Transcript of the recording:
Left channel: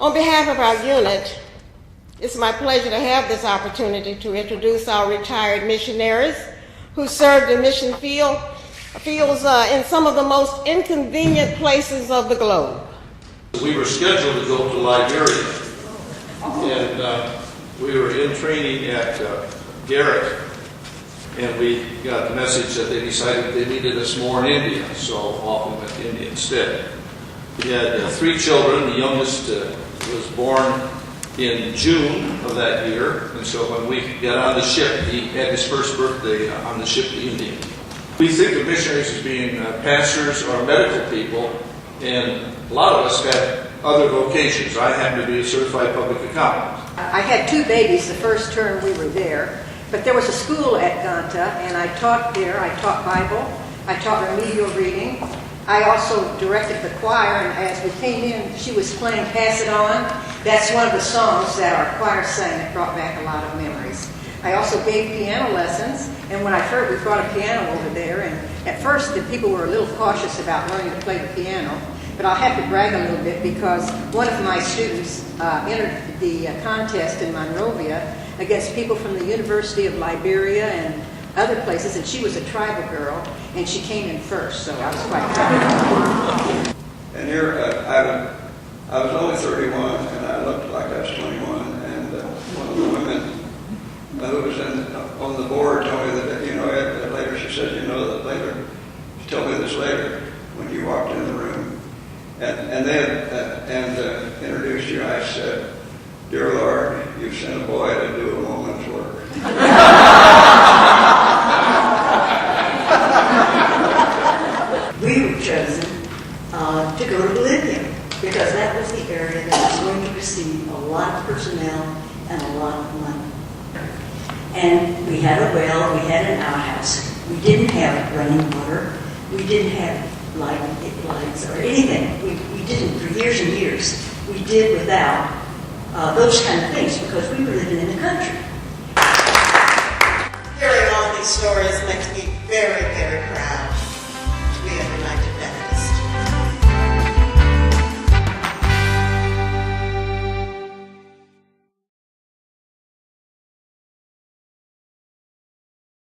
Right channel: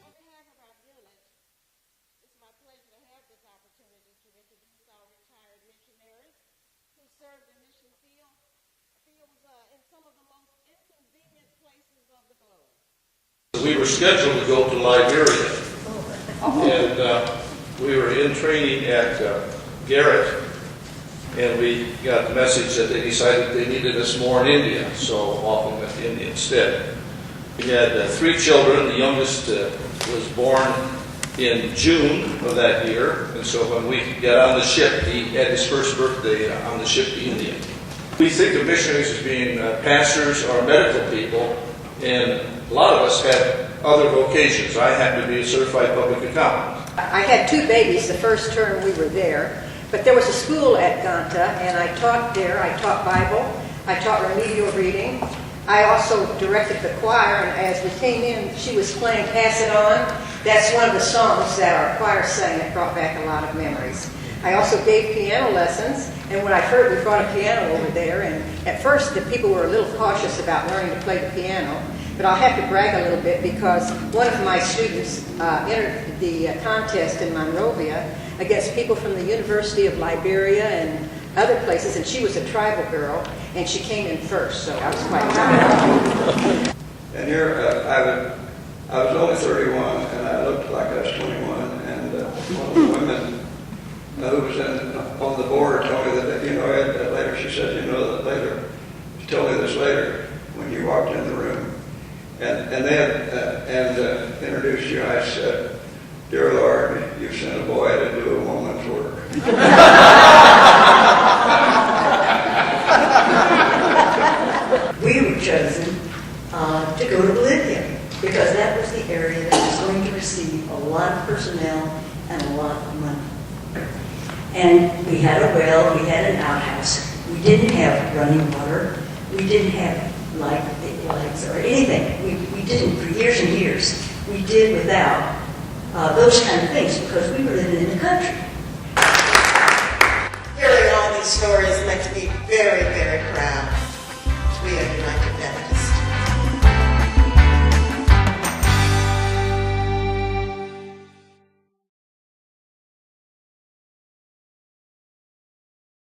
On behalf of our unit, it's my pleasure to have this opportunity to introduce our retired missionaries who served in mission fields in some of the most inconvenient places of the globe. We were scheduled to go to Liberia, and we were in training at Garrett, and we got the message that they decided they needed us more in India, so off we went to India instead. We had 3 children. The youngest was born in June of that year, and so when we got on the ship, he had his first birthday on the ship to India. We think of missionaries as being pastors or medical people, and a lot of us have other vocations. I happen to be a certified public accountant. I had 2 babies the first term we were there, but there was a school at Ganta, and I taught there. I taught Bible, I taught remedial reading. I also directed the choir, and as we came in, she was playing Pass It On. That's one of the songs that our choir sang that brought back a lot of memories. I also gave piano lessons, and when we brought a piano over there, and at first the people were a little cautious about learning to play the piano, but I'll have to brag a little bit because one of my students entered the contest in Monrovia against people from the University of Liberia and other places, and she was a tribal girl, and she came in first, so I was quite proud of her. And here I was only 31, and I looked like I was 21, and one of the women who was on the board told me that, Ed, later she said, that later, she told me this later when you walked in the room, and then introduced you. I said, "Dear Lord, you've sent a boy to do a woman's work." We were chosen to go to Bolivia because that was the area that was going to receive a lot of personnel and a lot of money. And we had a well, we had an outhouse. We didn't have running water. We didn't have lights or anything. We didn't for years and years. We did without those kind of things because we were living in the country. Hearing all these stories makes me